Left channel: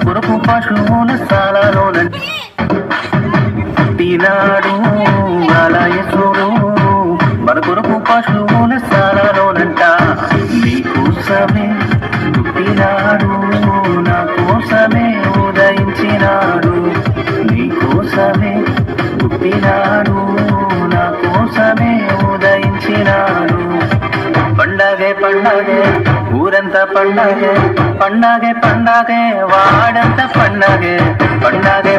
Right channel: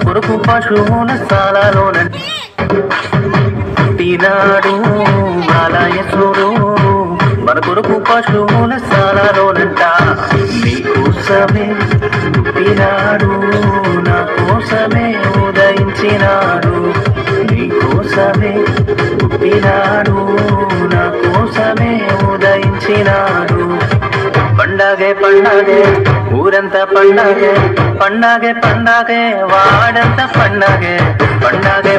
కొరకు పశువుల స్థానాలోన పుట్టినాడు బాలయేసుడు మన కొరకు పశువుల స్థానాలోనంట నీకోసమే పుట్టినాడు నా కోసమే ఉదయించినాడు నీకోసమే పుట్టినాడు నా కోసమే ఉదయించినాడు పండగే పండగే ఊరంతా పండగే పండగే పండగే వాడంతా పండగే పండగే